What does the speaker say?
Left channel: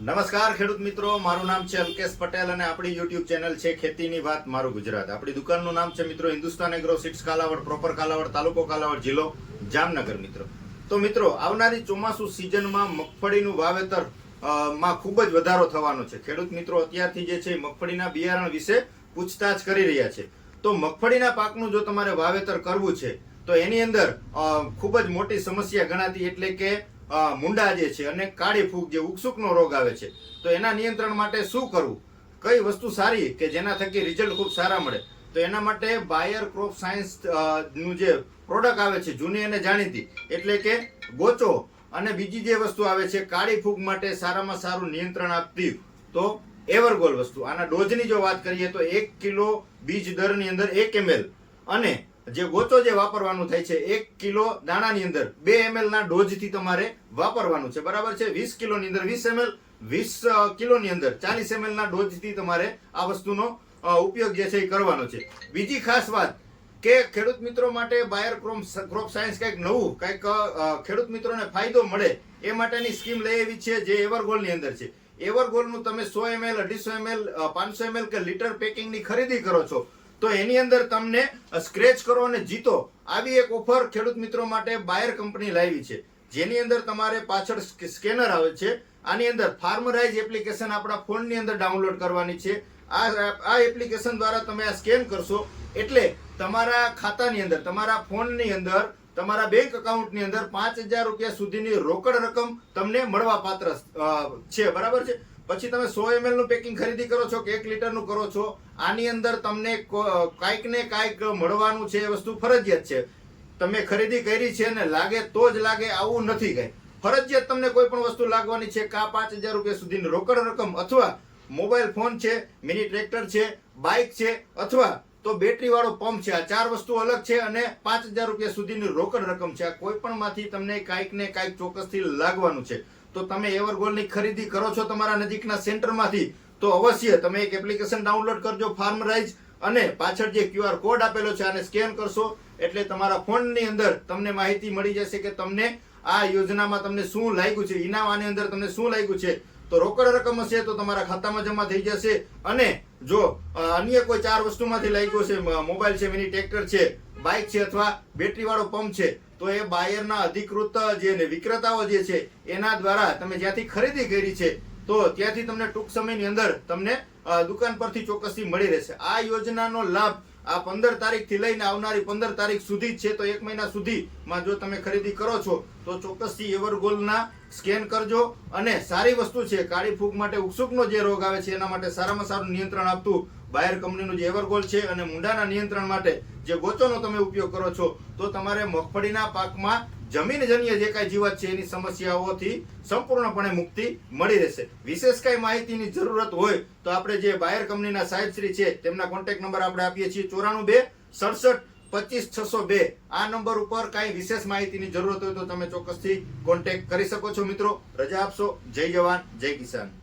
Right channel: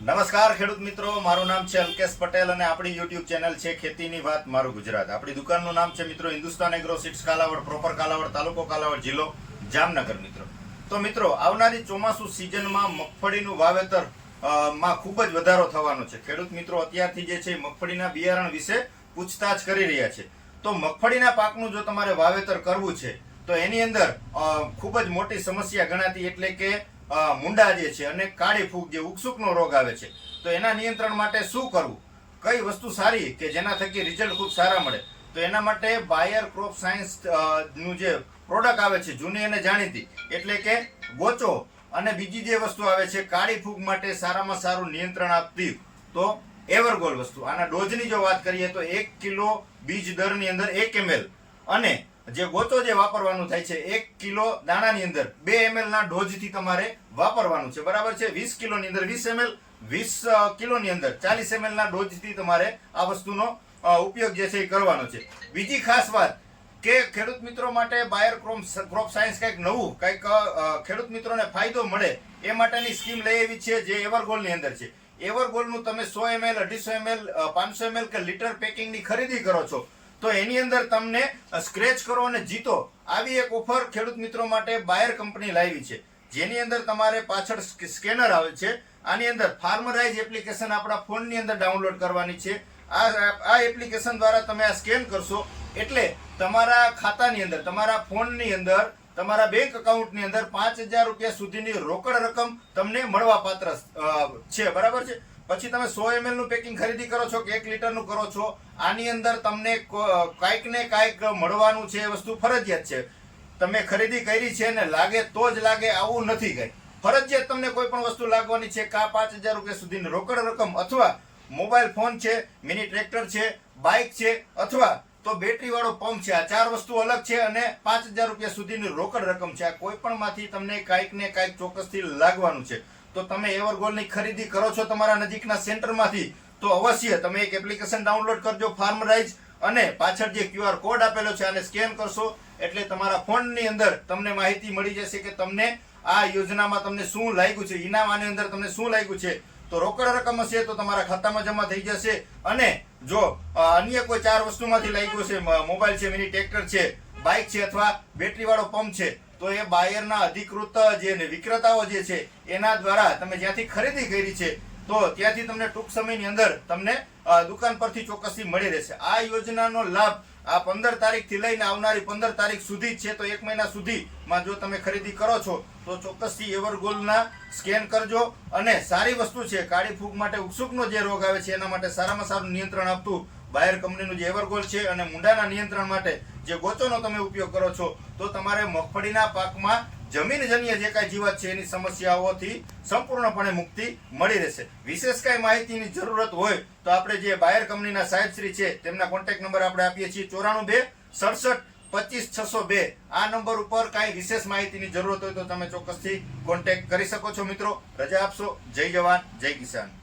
નમસ્કાર ખેડૂત મિત્રો, મારું નામ છે અલ્કેશ પટેલ અને આપણી યુટ્યુબ ચેનલ છે ખેતીની વાત, મારું ગુજરાત. આપણી દુકાનનું નામ છે મિત્રો Hindustan agro seeds Kalavad proper Kalavad, તાલુકો કાલાવડ જિલ્લો જામનગર મિત્રો. તો મિત્રો, આવનારી ચોમાસુ સિઝનમાં મગફળીનું વાવેતરમાં ખૂબ જ વધારો થવાનો છે. ખેડૂત મિત્રો, અત્યારથી જે છે મગફળીના બિયારણ વિશે પૂછતાછ કરી રહ્યા છે. તો મગફળીના પાકનું જો તમારે વાવેતર કરવું છે, તો એની અંદર ખૂબ જ મોટી સમસ્યા ગણાતી, એટલે કે મુંડા જે છે અને કાળી ફૂગ જે ઉકસુકનો રોગ આવે છે, તો એના નિયંત્રણ માટે શું કરવું? કઈ વસ્તુ સારી કે જેના થકી રિઝલ્ટ ખૂબ સારા મળે? તો એના માટે બાયર ક્રોપ સાયન્સનું જે પ્રોડક્ટ આવે છે, જૂની અને જાણીતી, એટલે કે ગોચો અને બીજી જે વસ્તુ આવે છે, કાળી ફૂગ માટે સારામાં સારું નિયંત્રણ આપતી તો એવરગોલ વસ્તુ. આના ડોઝની જો વાત કરીએ તો એક કિલો બીજ દરની અંદર એક એમએલ અને જે ગોચો જે વાપરવાનું થાય છે, એક કિલો દાણાની અંદર બે એમએલ ના ડોઝથી તમારે વાપરવાનું છે. બરાબર છે? વીસ કિલોની અંદર વીસ એમએલ વીસ કિલોની અંદર ચાલીસ એમએલ ના ડોઝથી તમારે આ વસ્તુનો ઉપયોગ જે છે એ કરવાનો છે. બીજી ખાસ વાત કે ખેડૂત મિત્રો માટે બાયર ક્રોપ સાયન્સ કંઈક નવું, કંઈક ખેડૂત મિત્રોને ફાયદો મળે એ માટેની સ્કીમ લઈ આવી છે જે એવરગોલની અંદર છે. એવરગોલનું તમે સો એમએલ અઢીસો એમએલ પાંચસો એમએલ કે લીટર પેકિંગની ખરીદી કરો છો તો એની અંદર તમને સ્ક્રેચ કરો અને જીતો. આવી એક ઓફર ખેડૂત મિત્રો માટે બાયર કંપની લાવી છે. જેની અંદર તમારે પાછળ સ્કેનર આવે છે. આની અંદર ફાર્મરાઇઝ એપ્લિકેશન આપણા ફોનની અંદર ડાઉનલોડ કરવાની છે. આ આ એપ્લિકેશન દ્વારા તમે આ સ્કેન કરશો એટલે તમારા ખાતાની અંદર, તમારા ફોનની અંદર, તમારા બેંક અકાઉન્ટની અંદર પાંચ હજાર રૂપિયા સુધીની રોકડ રકમ તમને મળવા પાત્ર છે. બરાબર છે? પછી તમે સો એમએલનું પેકિંગ ખરીદી કરો છો કે એક લીટરનું કરો છો, આની અંદર તમને કાંઈક ને કાંઈક મળવાનું છે એ વસ્તુ ફરજિયાત છે. તમે ખરીદી કરી છે અને લાગે તો જ લાગે, આવું નથી કઈ. ફરજિયાત તમને કોઈ પણ વસ્તુ લાગવાની છે, કા પાંચ હજાર રૂપિયા સુધીની રોકડ રકમ અથવા મોબાઈલ ફોન છે મિની ટ્રેક્ટર છે બાઇક છે, અથવા તો બેટરી વાળો પંપ છે, આ ચાર વસ્તુ અલગ છે અને પાંચ હજાર રૂપિયા સુધીની રોકડ રકમ છે. આ કોઈ પણ માંથી તમને કાંઈક ને કાંઈક ચોક્કસથી લાગવાનું છે. તો તમે એવરગોલની ખરીદી કરો છો તમારા નજીકના સેન્ટરમાંથી, તો અવશ્ય તમે એક એપ્લિકેશન ડાઉનલોડ કરજો ફાર્મરાઇઝ અને પાછળ જે ક્યુઆર કોડ આપેલો છે આને સ્કેન કરશો. એટલે તમારા ફોનની અંદર તમને માહિતી મળી જશે કે તમને આ યોજનામાં તમને શું લાગ્યું છે ઇનામ આની અંદર તમને શું લાગ્યું છે. તો રોકડ રકમ હશે તો તમારા ખાતામાં જમા થઈ જશે અને જો અન્ય કોઈ ચાર વસ્તુમાંથી લાગ્યું છે મોબાઈલ છે, મિની ટ્રેક્ટર છે બાઇક છે અથવા બેટરી વાળો પંપ છે તો એ બાયરના અધિકૃત જે વિક્રેતાઓ જે છે, એના દ્વારા તમે જ્યાંથી ખરીદી કરી છે તો ત્યાંથી તમને ટૂંક સમયની અંદર તમને દુકાન પરથી ચોક્કસથી મળી રહેશે. આ યોજનાનો લાભ આ પંદર તારીખથી લઈને આવનારી પંદર તારીખ સુધી છે, તો એક મહિના સુધીમાં જો તમે ખરીદી કરો છો, તો ચોક્કસથી એવરગોલના સ્કેન કરજો અને સારી વસ્તુ છે, કાળી ફૂગ માટે ઉકસુકનો જે રોગ આવે છે, એના માટે સારામાં સારું નિયંત્રણ આપતું બાયર કંપનીનું જે એવરગોલ છે અને મુંડાના નિયંત્રણ માટે જે ગોચોનો તમે ઉપયોગ કરો છો, તો તમારે મગફળીના પાકમાં જમીનજન્ય જે કાંઈ જીવત છે એની સમસ્યાઓથી સંપૂર્ણપણે મુક્તિ મળી રહેશે. વિશેષ કાંઈ માહિતીની જરૂરત હોય તો આપણે જે બાયર કંપનીના સાહેબશ્રી છે, તેમના કોન્ટેક્ટ નંબર આપણે આપીએ છીએ ચોરાણું બે સડસઠ પચીસ છસો બે. આ નંબર ઉપર કાંઈ વિશેષ માહિતીની જરૂરત હોય તો તમે ચોક્કસથી કોન્ટેક્ટ કરી શકો છો મિત્રો. રજા આપશો. જય જવાન, જય કિસાન.